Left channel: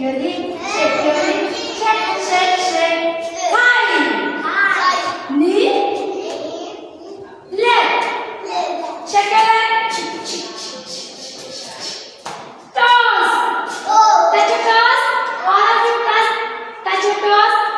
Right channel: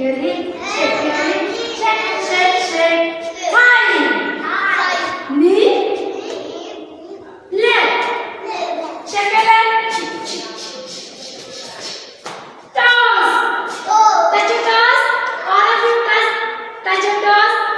your hip, shake your hip, shake, shake, shake. Thigh, knee, leg, shake your leg. Toes, touch your toes. All of you touch your toes.